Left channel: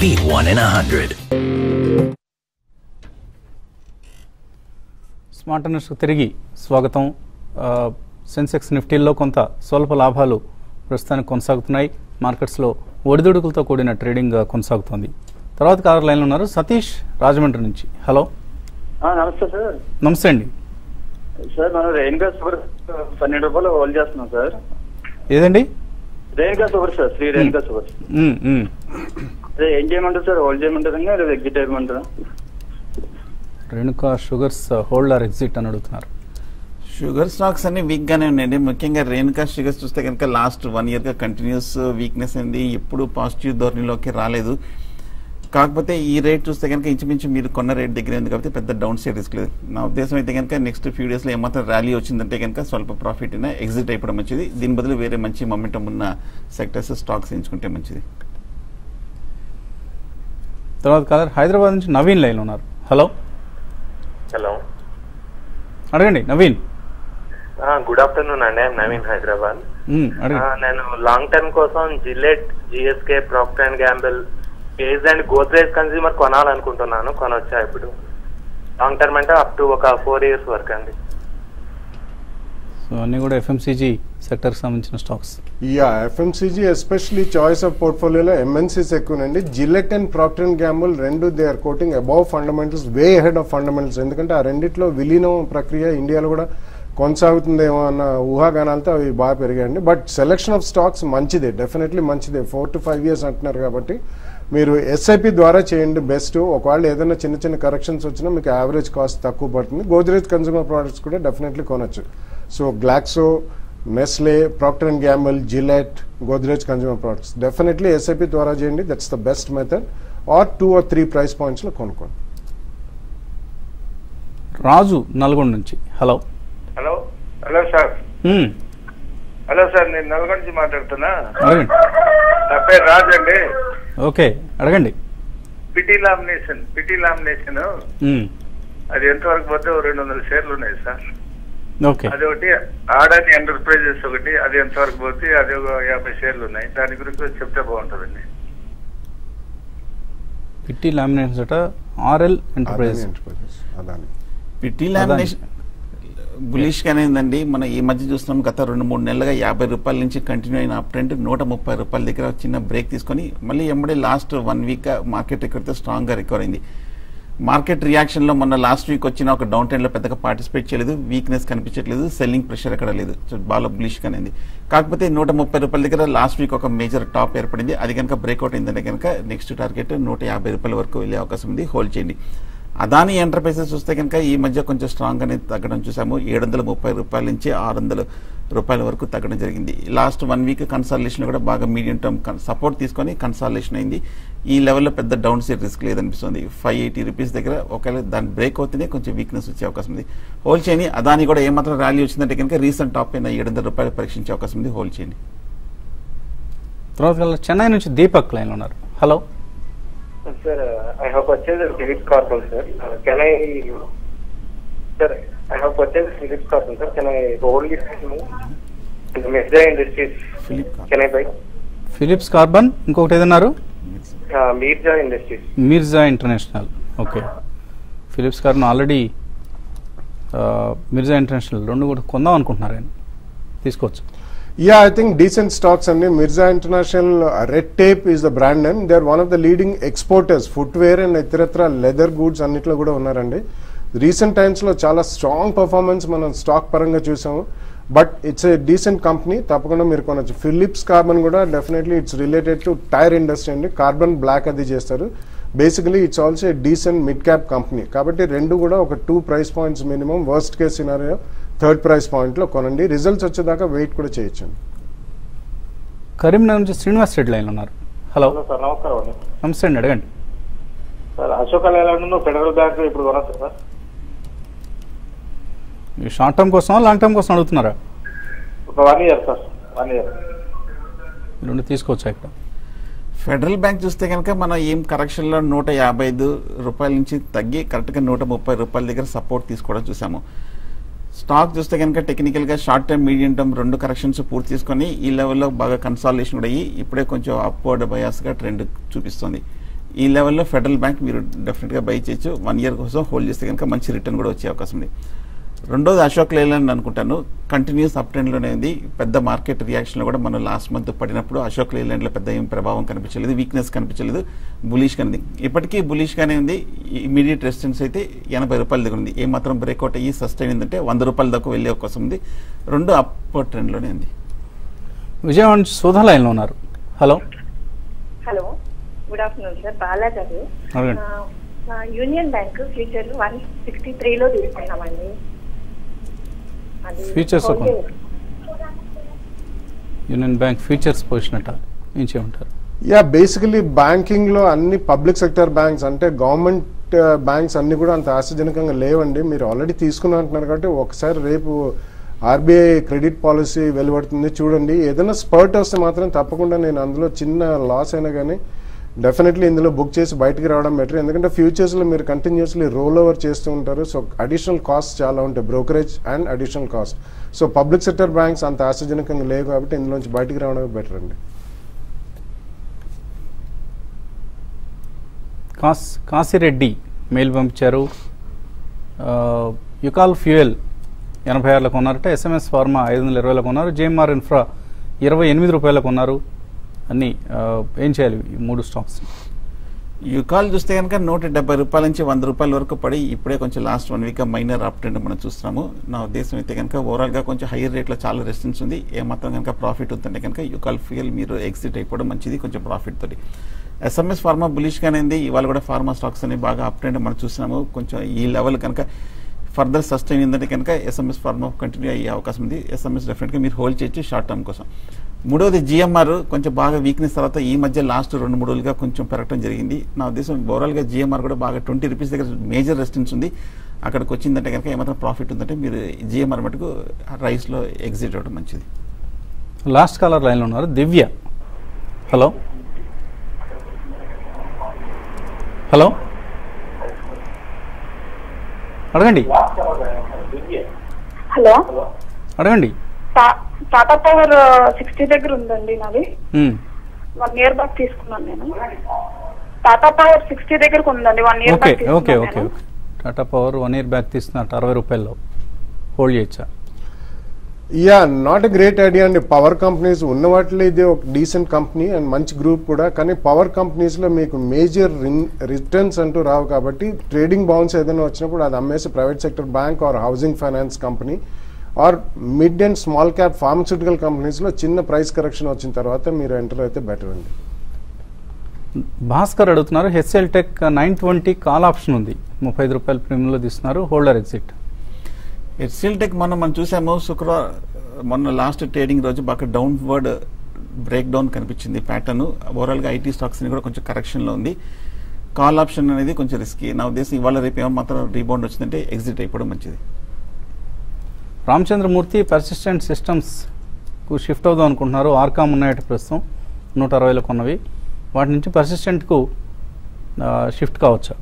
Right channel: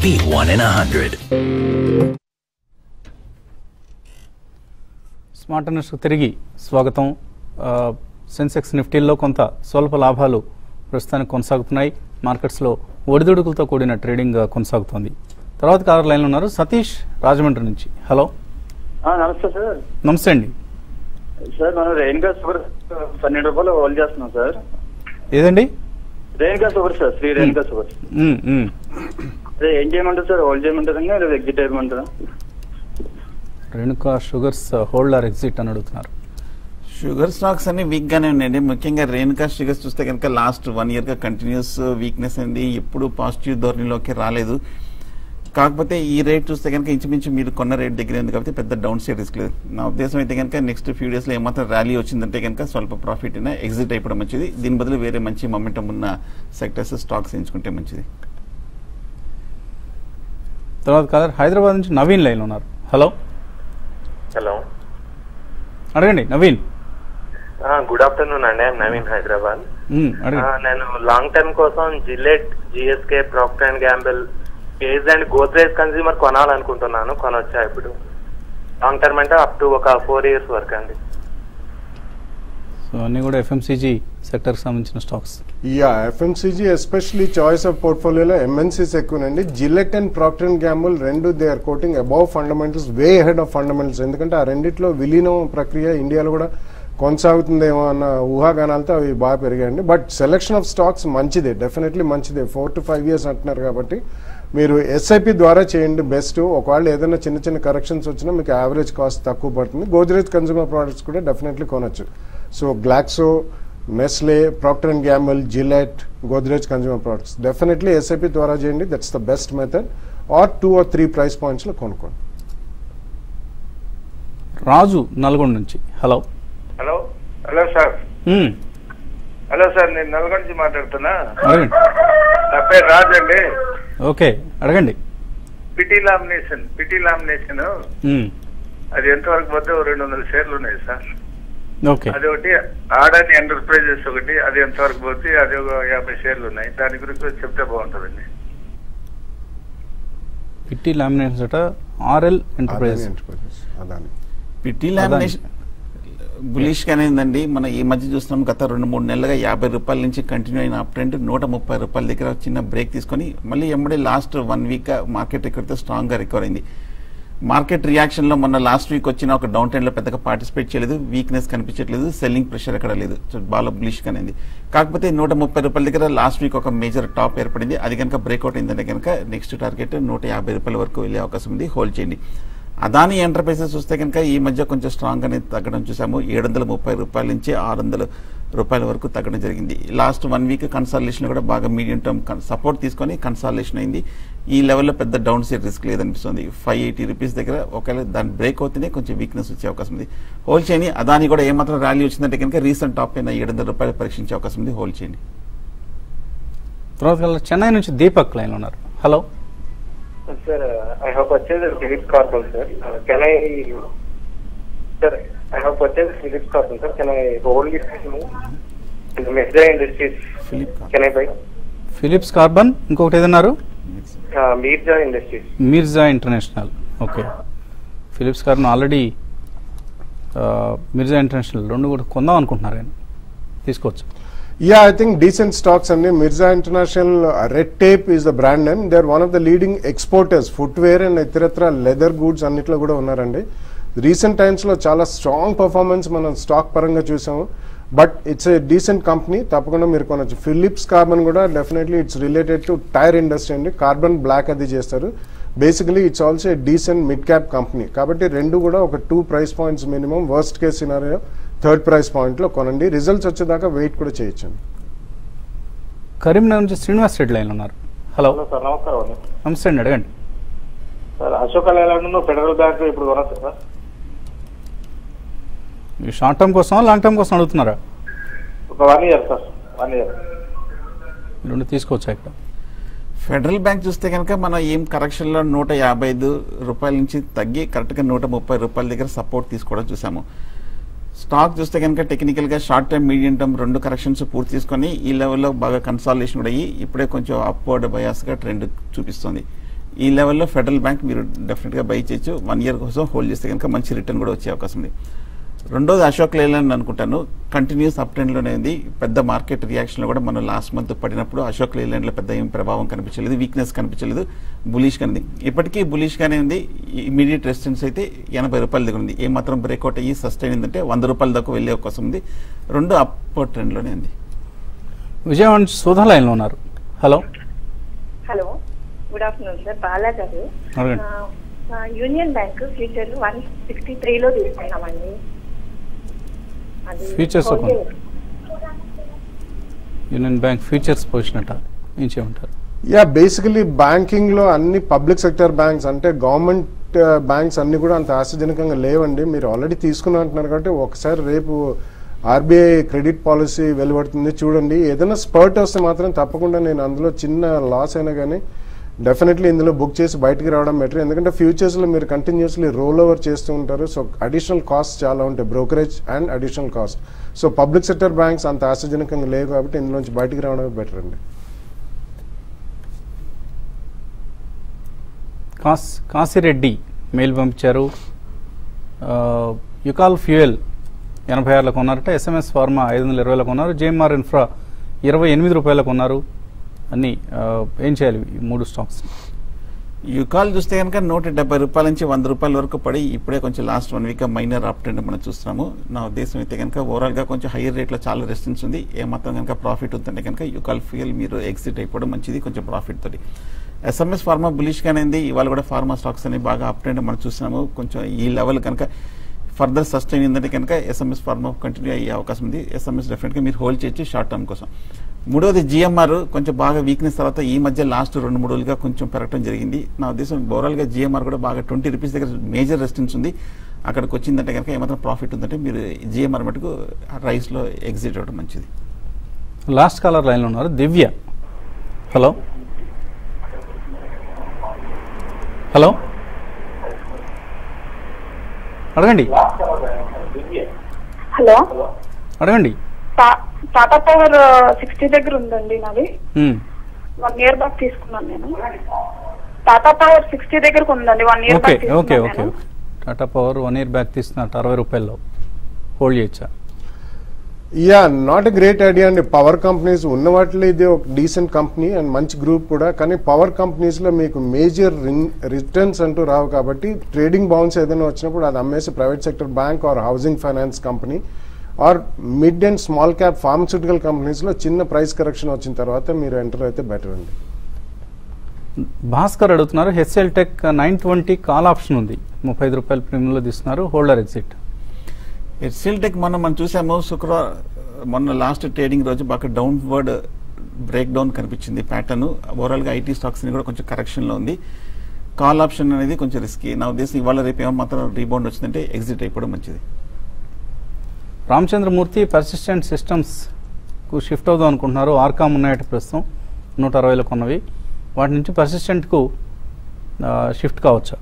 Beat 1 in 100. Smart news తిరిగి స్వాగతం. సెన్సెక్స్ నిఫ్టీలో కొంత స్వల్ప లాభాలు ప్రస్తుతానికి కొనసాగుతున్నాయి. మార్కెట్స్ లో ఒడిదుడుకులతో కూడిన ట్రేడింగ్ కొనసాగుతోంది. తర్వాత కాలర్ లైన్ ఉన్నారు సతీష్ రాజమండ్రి నుంచి. హలో. నమస్తే సార్. నమస్తే అండి. సార్ రేణుకా సూపర్ 12 రూపాయలు హోల్డ్ చేస్తున్నాం సార్. ఏదండి? Renuka super sir, Shri Renuka super. అదే ఏం చేయమంటారు సార్? హోల్డ్ చేయమంటారా లేదా ఎగ్జిట్ చేయమంటారా? Renuka sugars hold or exit అని అడుగుతున్నారు. షుగర్ స్టాక్స్ అన్ని వీక్ గానే ఉన్నాయండి. ముఖ్యంగా రేణుకా షుగర్స్ చూస్తే కనుక లాస్ట్ 1 year గా కంటిన్యూస్ వీక్నెస్ అయింది. ఎప్పుడు పాజిటివ్ ధోరణిలోకి రాలేదు. కాకపోతే ఈ రేట్ చూస్తే కనుక ఇంచుమించు మీరు కొన్న రేట్ దగ్గర ఉంది కాబట్టి పెద్ద డౌన్ సైడ్ రిస్క్ లేదు. నా ఉద్దేశం అయితే కనుక నెక్స్ట్ ఫ్యూ డేస్ లో ఏమాత్రం ర్యాలీ వచ్చిందంటే కనుక స్వల్ప ప్రాఫిట్ అయినా ఎగ్జిట్ అయిపోవడం మంచిది. దీని బదులు వేరే మంచి మొమెంటం ఉన్న సెక్టర్స్ స్టాక్స్ ఎంచుకుంటే మంచిది. తర్వాత కాలర్ హైదరాబాద్ నుంచి నవీన్ లైన్ ఉన్నారు. హలో. హలో, అడగండి నవీన్. గుడ్ ఆఫ్టర్నూన్ అండి. నవీన్, హైదరాబాద్. నేను లాంగ్ టర్మ్ కోసం Gillette, GSK, Procter and Gamble, కేజ్ అండ్ గోద్రేజ్ కన్స్యూమర్ కొనాలనుకుంటున్నాను. కొనొచ్చా ఇప్పుడు? లాంగ్ టర్మ్ అంటే అప్ టు ఒక 4 years వరకు అండి. సో అన్ని కూడా ఎఫ్ఎంసీజీ సెక్టర్ సంబంధించిన stocks. FMCG especially choice of పోర్ట్ఫోలియోలో ఎంఎన్సీస్ ఎక్కువనండి. Gillette and Procter and Gamble రెండు they are quoting above fundamentals, way ahead of fundamentals. ఎందుకంటే ఆ రెండిట్లో విలీనం ప్రక్రియ ఇండియాలో కూడా కొనసాగుతుందేమో అన్న ఊహాగానాలతో అవి బాగా పెరిగాయండి. బట్ సెలెక్షన్ ఆఫ్ స్టాక్స్ మంచిదే, డెఫినెట్లీ మంచిదే. 4 to 5 years అంటున్నారు కాబట్టి మీరు ఎస్ఐపి ద్వారా చేయండి బెస్ట్. ఒకవేళ ఏదైనా చిన్న చిన్న కరెక్షన్స్ వచ్చినా మీకు యావరేజ్ కాస్ట్ తక్కువ పడుతుంది. గోద్రేజ్ కన్స్యూమర్ ప్రొడక్ట్స్ కూడా డెఫినెట్లీ కొనొచ్చు. So Glaxo, Nestle, Procter and Gamble, Gillette, Godrej consumer products definitely SIP ద్వారా చేయండి. That's the best method. Or 2 or 3 price points లో కొనుక్కోండి. రాజు నల్గొండ నుంచి. Hello. Hello. Hello sir. Hello sir, నేను నల్గొండ నుంచి మాట్లాడుతున్నా. నా పేరు రాజు అండి. ఓకే, అడగండి. పిటి లామినేషన్ అది ఎంతవరకు పోతే 200 షేర్లు ఉన్నాయి సార్. అది ఒకటి ఆడని ఎంటర్ప్రైజెస్ ఒకటి, అది ఎంతవరకు పోతే అది 50 షేర్లు ఉన్నాయి. దాని గురించి చెప్తే బాగుంటుందండి. PT lamination RL enterprises. PT lamination bullish గానే ఉందండి. మనం ఈ మధ్య చూస్తున్నాం గత 2-3 నెలలుగా 50 రూపాయల నుంచి కంటిన్యూ అయిన అప్ ట్రెండ్ 130 రూపాయల దగ్గర చిన్న బ్రేక్ తీసుకొని మళ్ళీ ఎంబడి లాస్ట్ 1 week మార్కెట్ ఎక్కడితో స్ట్రాంగ్ గా రికవర్ అయింది. మార్కెట్ రియాక్షన్ లో మన లాస్ట్ వీక్ వచ్చిన ఒక డౌన్ ట్రెండ్ లో పెద్దగా పార్టిసిపేట్ చేయలేదు, వీక్నెస్ కనిపించట్లేదు, సెల్లింగ్ ప్రెషర్ ఎక్కడ లేదు. సో బాగా బులిష్ గానే ఉంది. కాకపోతే 130 రూపాయల దగ్గర లాస్ట్ వీక్ ఒక మేజర్ టాప్ ఏర్పడింది. అది కనుక బ్రేక్అవుట్ అయిందనే కనుక నెక్స్ట్ టార్గెట్ 150 రూపాయల వరకు వెళ్లే అవకాశం ఉంది. హోల్డ్ చేయండి. అదాని ఎంటర్ప్రైజెస్ చూస్తే కనుక ఈ మధ్య కొంచెం స్ట్రాంగ్ గానే తగ్గడం చూసాము. 730 రూపాయల నుంచి 600 రూపాయల వరకు తగ్గడం జరిగింది. లాస్ట్ 1 week కన్సాలిడేషన్ కూడా బాగా మీడియం టర్మ్ సపోర్ట్ తీసుకొని కన్సాలిడేషన్ అయింది. ఈ లెవెల్లో పెద్ద డౌన్ సైడ్ రిస్క్ లేదనిపిస్తుంది. 580 రూపీస్ దగ్గర ఒకవేళ దాని బ్రేక్ అవుతేనే కొంచెం వీక్నెస్ వచ్చే అవకాశం ఉంది. హోల్డ్ చేయండి. అదాని కూడా ఏమాత్రం ర్యాలీ వచ్చిందంటే కనుక రీసెంట్ టాప్ అయిన 700 రూపాయలు పరీక్షించే అవకాశం ఉంది. హోల్డ్ చేయండి. తర్వాత చెన్నై నుంచి దీపక్ లైన్ ఉన్నారు. Hello. Sir, I have purchased Philips Carbon, sir. Can I, sir, I have purchased Philips Carbon, sir. Can I hold it? Mirza Industries. Can I buy? Phillips carbon, ఇంకొకటి ఏదన్నారు? Mirza Industries. Mirza international. Okay. Phillips carbon already Mirza international రెండు కూడా కొందాం అనుకుంటున్నారండి, తీసుకోవచ్చు. I think decent stocks and Mirza International, Red Tape is the brand name. They are one of the leading exporters, footwear and itaratra leather goods అన్నిట్లో కూడా ఉన్నారండి. Recent times లో చాలా స్ట్రాంగ్ పర్ఫార్మెన్స్ మనం స్టాక్ పరంగా చూసాము. But it's a decent company, తప్పకుండా మీరు కొనొచ్చు. ఫిలిప్స్ కార్బన్ కూడా definitely it's related to tyre industry అండి. కార్బన్ బ్లాక్ అది చేస్తారు. Basically it's also a decent mid cap company. కాబట్టి రెండు కూడా ఒక 2 price points minimum, worst case scenario 3rd price point లో కొనండి. రిజల్ట్స్ వచ్చేదాకా వెయిట్ కూడా చేయొచ్చు. కరీంనగర్ నుంచి శ్రీనివాస్ రెడ్డి లైన్ ఉన్నారు. హలో. నమస్కారం. నమస్తే అండి, అడగండి. Sir, Ashok Leyland federal bank ఇప్పుడు కొనొచ్చు సార్? షార్ట్ టర్మ్ కోసం లాంగ్ టర్మ్ కోసం అడుగుతున్నారా? ఒక 1 year సార్. 1 year రెండు తీసుకోవచ్చా? ఇక్కడ ఫెడరల్ బ్యాంక్ చూస్తే కనుక మనం ఏం కరెక్షన్ లో 155 రూపాయల నుంచి తగ్గి కరెక్ట్ గా 130 రూపాయల దగ్గర సపోర్ట్ తీసుకోవడం చూసాము. స్టాక్ చూస్తే కనుక టెక్నికల్ గా షార్ట్ టర్మ్, మీడియం టర్మ్ రెండు కరెక్షన్స్ పూర్తి తీసుకొని ఈ లెవెల్లో బాగా కన్సాలిడేషన్ అయ్యి ఇప్పుడే కొంచెం అప్వర్డ్ బయాస్ గా ట్రెండ్ చూపిస్తుంది. ఈ లెవెల్లో ఫెడరల్ బ్యాంక్ మీరు డెఫినెట్ గా బై చేయొచ్చు. 1 year కోసం హోల్డ్ చేస్తే కనుక మంచి రిటర్న్ కూడా వచ్చే అవకాశం ఉంది. రెండోది అశోక్ లేలాండ్ అనుకుంటాను, కంటిన్యూస్ అప్ ట్రెండ్ లోనే ఉంది. పెద్ద మార్కెట్ రియాక్షన్ లో కూడా మనం లాస్ట్ మంత్ పడినప్పుడు అశోక్ లేలాండ్ లో పెద్ద ఏం ప్రభావం కనిపించలేదు, వీక్నెస్ కనిపించలేదు, బులిష్ గా ఉంది. ఇప్పటికీ బులిష్ గానే ఉంది. ఇమీడియట్ రెసిస్టెన్స్ అయితే 80 రూపాయల దగ్గర ఉంది. ఏ మాత్రం బ్రేక్అవుట్ అయ్యి సస్టైన్ అయిందంటే 100 రూపాయల దాకా వెళ్ళే అవకాశం ఉంది. రెండు అప్ ట్రెండ్ లోనే ఉంది. విజయవాడ సుధా లైన్ లో ఉన్నారు. Hello hello, good afternoon sir. Bala గారు, యూనియన్ బ్యాంక్ ఫ్యూచర్ 163 లో తీసుకున్నామండి. Futures union bank futures position అంటారు, ఏం చేయమంటారు? యా, బేసికలీ బ్యాంకింగ్ లో అన్ని పబ్లిక్ సెక్టర్ బ్యాంక్స్ అంటే గవర్నమెంట్ బ్యాంక్స్ అన్ని కూడా అంత ఆశాజనకంగా లేవండి. మీరు ఆల్రెడీ తీసుకుని అంటున్నారు కాబట్టి ఒకసారి రేపు ఆర్బీఐ క్రెడిట్ పాలసీ వెలువడుతుంది, చూడండి. ఏదైనా స్పర్ట్ వస్తే మాత్రం తప్పకుండా నేను అందులో చిన్న లాస్ అయినా కానీ డెఫినెట్లీ ఇందులో బుక్ చేసి బయటకు రావడం బెటర్. ఎందుకంటే ఫ్యూచర్స్ లో మీరు కంటిన్యూస్లీ రోల్ ఓవర్ చేస్తూ ఉంటారు. సో అడిషనల్ కాస్ట్ చాలా ఉంటాయి, brokerage and additional cost. So public sector banks అంత ఆశాజనకంగా లేవు కాబట్టి ఇందులోంచి బయటకు రావడం బెటర్ అండి. కాశీరెడ్డి మెయిల్ పంపించారు. యుకాల్ ఫ్యూయల్ 86 కొన్నారట, ఎస్ఎంఎస్ ఫార్మా 520 కొన్నారు, జేఎంఆర్ ఇన్ఫ్రా 28 రూపాయలకు కొన్నారు. అన్ని ఏం చేయాలి ఈ 3 స్టాక్స్? యుకాల్ చూస్తే కనుక 170 రూపాయల నుంచి 100 రూపాయల వరకు పడి ఇప్పుడే కొంచెం last 1 week minor up trend మనం చూస్తున్నాము. నా ఉద్దేశం అయితే కనుక ఓవరాల్ గా కొంచెం హైయర్ రేట్ లో చాలా రెసిస్టెన్స్ ఉంది. ఏమాత్రం కనుక ప్రాఫిట్ అవుతుంటే కనుక యుకాల్ ఫ్యూయల్ మీరు ఎగ్జిట్ అయిపోవడం మంచిది, కొంచెం ప్రాఫిట్ తోటి. ఎస్ఎంఎస్ ఫార్మా బులిష్ గానే ఉంది. ఇవాళ కూడా ఫార్మా స్టాక్స్ అని బాగా అప్ ట్రెండ్ మనం చూస్తున్నాము. కొంచెం ఈ లెవెల్ కనుక ఫర్దర్ సస్టైన్ ఉందంటే కనుక ఎస్ఎంఎస్ ఫార్మా కంటిన్యూ అయ్యే అవకాశం ఉంది. ఎస్ఎంఎస్ డెఫినెట్ గా మీరు హోల్డ్ చేయొచ్చు షార్ట్ టర్మ్ కోసం. మూడోది జిఎంఆర్ కొంచెం బాగా వీక్నెస్ తర్వాత ఈ మధ్య లాస్ట్ 2-3 రోజులుగా కొంచెం పెరగడం జరిగింది. నా ఉద్దేశం ఓవరాల్ గా జిఎంఆర్ కూడా బాగా 20 రూపీస్ దగ్గర మేజర్ రెసిస్టెన్స్ ఉంది. అక్కడికి వచ్చిందంటే కనుక ఏమాత్రం ప్రాఫిట్ ఉందంటే మీరు జిఎంఆర్ మటుకు రైస్ లో ఎగ్జిట్ అవ్వడం మంచిది. లాస్ట్ కాలర్ లైన్ లో ఉన్నారు, దివ్య. హలో హలో, అడగండి. హలో, అడగండి. టాటా పవర్ 60 దగ్గర ఉందండి నాది. 1 year బ్యాక్ తీసుకున్నాను నేను. టాటా పవర్ 60 దగ్గర ఉందండి, 1 year బ్యాక్ తీసుకున్నాను. టాటా పవర్ 1 year బ్యాక్ తీసుకున్నట్టు 60 రూపాయల్లో హోల్డ్ చేయొచ్చా? Yeah, not a great idea అండి. పవర్ కంపెనీస్ ఉన్న వాటిలో ఇది ఒక డీసెంట్ కంపెనీ అండ్ మంచి గ్రూప్ కూడా. కానీ పవర్ కంపెనీస్ లో మీకు మేజర్ రిటర్న్స్ అంటూ రావు కాబట్టి ట్రేడింగ్ బౌన్స్ ఏదైనా వచ్చినప్పుడు అది అమ్మేసి private sector bank or housing finance company or mid and small cap pharmaceutical companies లో చిన్న ప్రైస్ కరెక్షన్ వచ్చిన తర్వాత మీరు ఎంటర్ అయితే బెటర్ అండి. భాస్కర్ అడుగుతున్నారు, హెచ్ఎల్ టెక్ 920 కాల్ ఆప్షన్ ఉంది, 35 రూపాయల ప్రీమియంలో తీస్తున్నారు, హోల్డర్ ఎగ్జిట్. హెచ్ఎల్ టెక్ మనం చూసాము శుక్రవారం మొన్న లాస్ట్ ట్రేడింగ్ రోజు బాగా డౌన్వర్డ్ బ్రేక్ డౌన్ కనిపించింది ప్యాటర్న్. ఓవరాల్ గా ఐటీ స్టాక్స్ కూడా కొంచెం కరెక్షన్ లో ఉంది. కాల్ ఆప్షన్ అనేది కొంచెం రిస్కీ. నా ఉద్దేశం ఇవాళ రేపు ఏమో మాత్రం రీబౌండ్ వచ్చిందంటే ఎగ్జిట్ అయిపోవడం మంచిది. రామచంద్రమూర్తి పర్సిస్టెంట్ సిస్టమ్స్ కు షిఫ్ట్ అవుదాం అనుకుంటున్నారు. ఆర్కామ్ ఉన్నాయట ప్రస్తుతం 160లో కొన్నవి, వాటి నుంచి పర్సిస్టెంట్ కు షిఫ్ట్ కావచ్చా?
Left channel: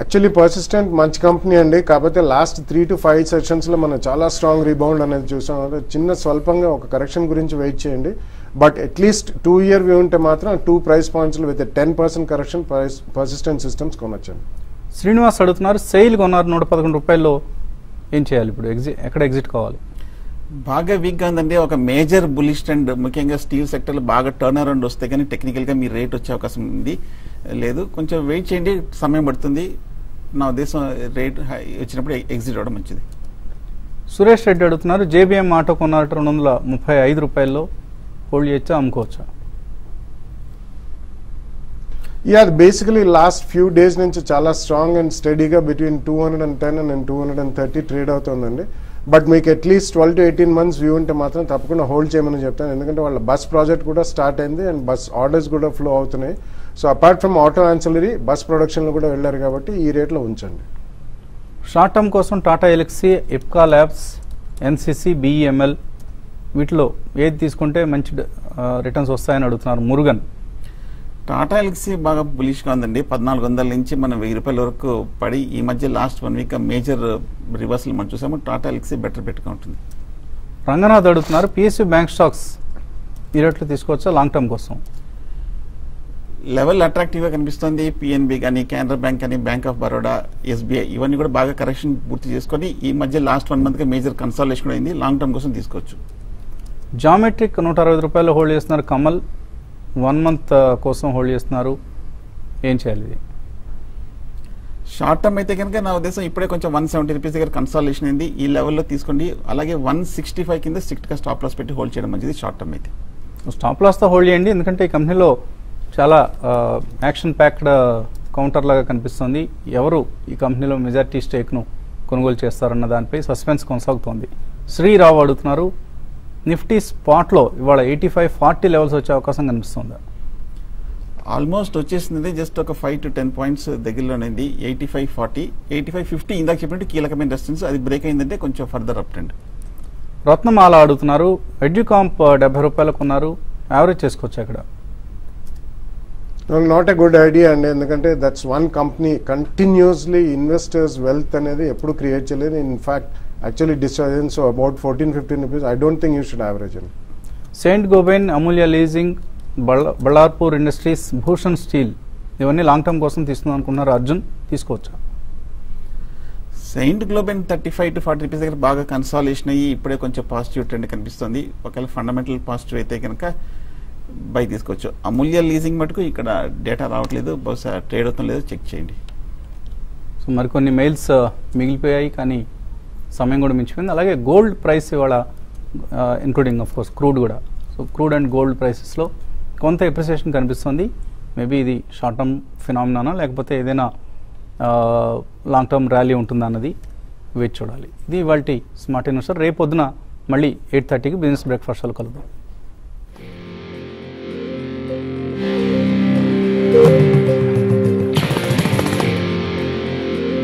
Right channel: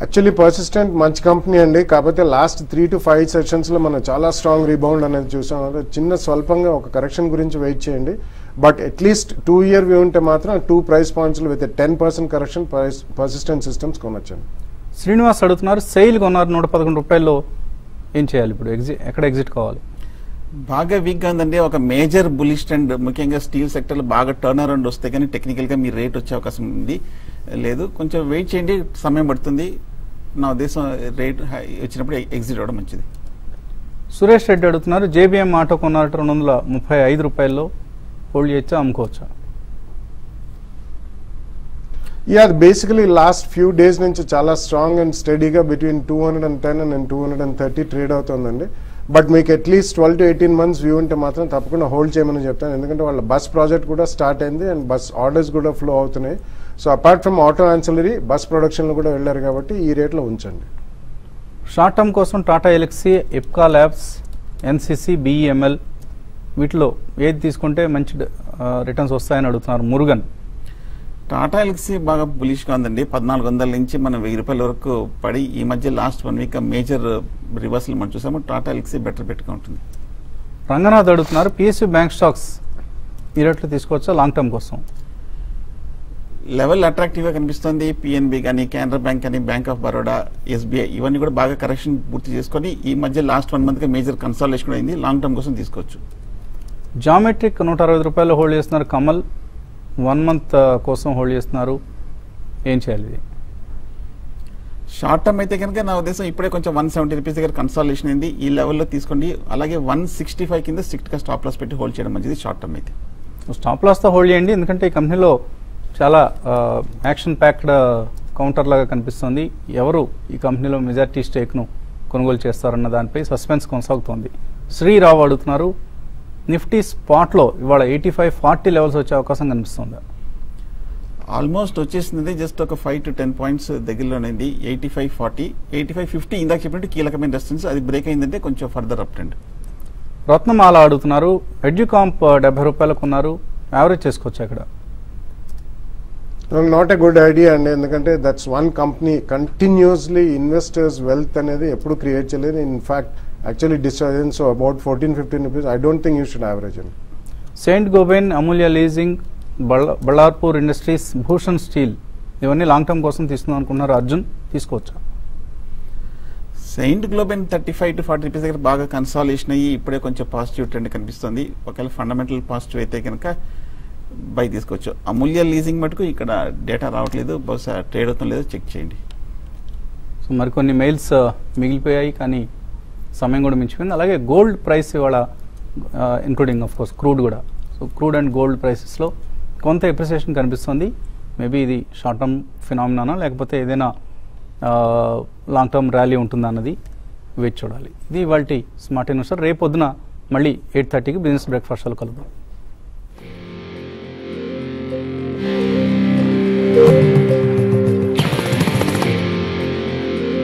యాక్చువల్లీ పర్సిస్టెంట్ మంచి కంపెనీ అండి. కాకపోతే లాస్ట్ 3 to 5 సెషన్స్ లో మనం చాలా స్ట్రాంగ్ రీబౌండ్ అనేది చూసాం. చిన్న స్వల్పంగా ఒక కరెక్షన్ గురించి వెయిట్ చేయండి. బట్ అట్లీస్ట్ 2 year వ్యూ ఉంటే మాత్రం 2 price points లో విత్ 10% కరెక్షన్ పర్సిస్టెంట్ సిస్టమ్స్ కొనొచ్చండి. శ్రీనివాస్ అడుగుతున్నారు, సెయిల్ కొన్నారు 111 రూపాయల్లో, ఏం చేయాలి ఇప్పుడు? ఎక్కడ ఎగ్జిట్ కావాలి? బాగా వీక్ గా ఉందండి. ఒక మేజర్ బులిష్ ట్రెండ్ ముఖ్యంగా స్టీల్ సెక్టర్ లో బాగా టర్న్ అరౌండ్ వస్తే కానీ టెక్నికల్ గా మీ రేట్ వచ్చే అవకాశం ఉంది. లేదు, కొంచెం వెయిట్ చేయండి, సమయం పడుతుంది. నా ఉద్దేశం రేట్ హై వచ్చినప్పుడు ఎగ్జిట్ అవ్వడం మంచిది. సురేష్ రెడ్డి అడుగుతున్నారు, జేబీఎం ఆటో కొన్నారు 235 రూపాయల్లో, హోల్డ్ చేయొచ్చా, అమ్ముకోవచ్చా? Yeah, basically last few days నుంచి చాలా స్ట్రాంగ్ అండ్ స్టడీగా బిట్వీన్ 210 and 230 ట్రేడ్ అవుతుందండి. బట్ మీకు అట్లీస్ట్ 12 to 18 months వ్యూ ఉంటే మాత్రం తప్పకుండా హోల్డ్ చేయమని చెప్తాను. ఎందుకంటే వాళ్ళ బస్ ప్రాజెక్ట్ కూడా స్టార్ట్ అయింది అండ్ బస్ ఆర్డర్స్ కూడా ఫ్లో అవుతున్నాయి. So apart from auto ancillary bus production కూడా వెళ్ళారు కాబట్టి ఈ రేట్లో ఉంచండి. షార్ట్ టర్మ్ కోసం టాటా ఎలక్సీ, ఎప్కా ల్యాబ్స్, ఎన్సిసి, బిఈఎంఎల్ వీటిలో ఏది తీసుకుంటే మంచి రిటర్న్స్ వస్తాయని అడుగుతున్నారు మురుగన్. టాటా ఎలక్సీ బాగా బులిష్ గా ఉందండి. 1400 నుంచి మనం 1000 రూపాయల వరకు పడి ఈ మధ్య లాస్ట్ 1 వీక్ మేజర్ రివర్సల్ మనం చూసాము. టాటా ఎలక్సీ బెటర్ బెట్గా ఉంటుంది. రంగనాథ్ అడుగుతున్నారు, పిఎస్యూ బ్యాంక్ స్టాక్స్ ఈ రేట్లో తీసుకోవచ్చా లాంగ్ టర్మ్ కోసం? లెవెల్ అట్రాక్టివ్ గా కనిపిస్తుంది. పిఎన్బి కానీ, కెనరా బ్యాంక్ కానీ, బ్యాంక్ ఆఫ్ బరోడా, ఎస్బీఐ ఇవన్నీ కూడా బాగా కరెక్షన్ పూర్తి చేసుకొని ఈ మధ్య లాస్ట్ 1 మంత్ గా మేజర్ కన్సాలిడేషన్ కూడా అయింది. లాంగ్ టర్మ్ కోసం తీసుకోవచ్చు. జామెట్రిక్ 160 రూపాయలు హోల్డ్ చేస్తున్నారు. కమల్ 1 మంత్ కోసం హోల్డ్ చేస్తున్నారు. ఏం చేయాలి? షార్ట్ టర్మ్ అయితే కనుక నా ఉద్దేశం ఇప్పుడే కొంచెం 170 రూపీస్ దగ్గర కన్సాలిడేషన్ అయింది. ఈ లెవెల్లో తీసుకోండి. అలాగే 165 కింద స్ట్రిక్ట్ గా స్టాప్ లాస్ పెట్టి హోల్డ్ చేయడం మంచిది షార్ట్ టర్మ్ అయితే. స్టాప్ లాస్ తో హోల్డ్ చేయండి, ఎందుకంటే ఈ కంపెనీలో చాలా యాక్షన్ ప్యాక్డ్ కౌంటర్ లాగా కనిపిస్తుంది. ఎవరు ఈ కంపెనీలో మెజార్టీ స్టేక్ ను కొనుగోలు చేస్తారన్న దానిపై సస్పెన్స్ కొనసాగుతోంది. శ్రీరావు అడుగుతున్నారు, నిఫ్టీ స్పాట్ లో ఇవాళ 85-40 లెవెల్స్ వచ్చే అవకాశం కనిపిస్తుంది. ఆల్మోస్ట్ వచ్చేసింది. జస్ట్ ఒక 5 to 10 పాయింట్స్ దగ్గరలోనే 85-40, 85-50 ఇందాక చెప్పినట్టు కీలకమైన రెసిస్టెన్స్. అది బ్రేక్ అయిందంటే కొంచెం ఫర్దర్ అప్ ట్రెండ్. రత్నమాల అడుగుతున్నారు, ఎడ్యుకాంప్ 70 రూపాయలకు ఉన్నారు, యావరేజ్ చేసుకోవచ్చు అక్కడ? నాట్ ఎ గుడ్ ఐడియా అండి, ఎందుకంటే that's one company continuously investors wealth అనేది ఎప్పుడు క్రియేట్ చేయలేదు. In fact actually destroy. So about 14-15 rupees I don't think you should average అండి. సెయింట్ గోబెన్, అమూల్య లీజింగ్, బళ్ళార్పూర్ ఇండస్ట్రీస్, భూషణ్ స్టీల్ ఇవన్నీ లాంగ్ టర్మ్ కోసం తీసుకుందాం అనుకున్నారు. అర్జున్ తీసుకోవచ్చు? సెయింట్ గ్లోబెన్ 35 to 40 రూపీస్ దగ్గర బాగా కన్సాలిడేషన్ అయ్యి ఇప్పుడే కొంచెం పాజిటివ్ ట్రెండ్ కనిపిస్తుంది. ఒకవేళ ఫండమెంటల్ పాజిటివ్ అయితే కనుక బై తీసుకోవచ్చు. అమూల్య లీజింగ్ మటుకు ఇక్కడ డేటా రావట్లేదు, బహుశా ట్రేడ్ అవుతాం లేదో చెక్ చేయండి. సో మరికొన్ని మెయిల్స్ మిగిలిపోయాయి, కానీ సమయం కూడా మించిపోయింది. అలాగే గోల్డ్ ప్రైస్ ఇవాళ ఇంక్లూడింగ్ ఆఫ్ కోర్స్ క్రూడ్ కూడా. So crude and gold prices లో కొంత ఎప్రిసియేషన్ కనిపిస్తుంది. మేబీ ఇది షార్ట్ టర్మ్ ఫినామినా లేకపోతే ఏదైనా లాంగ్ టర్మ్ ర్యాలీ ఉంటుందా అన్నది వెయిట్ చూడాలి. ఇది ఇవాళ స్మార్ట్ ఇన్వెస్టర్. రేపు పొద్దున మళ్ళీ 8:30కి బిజినెస్ బ్రేక్ఫాస్ట్ కలుద్దాం.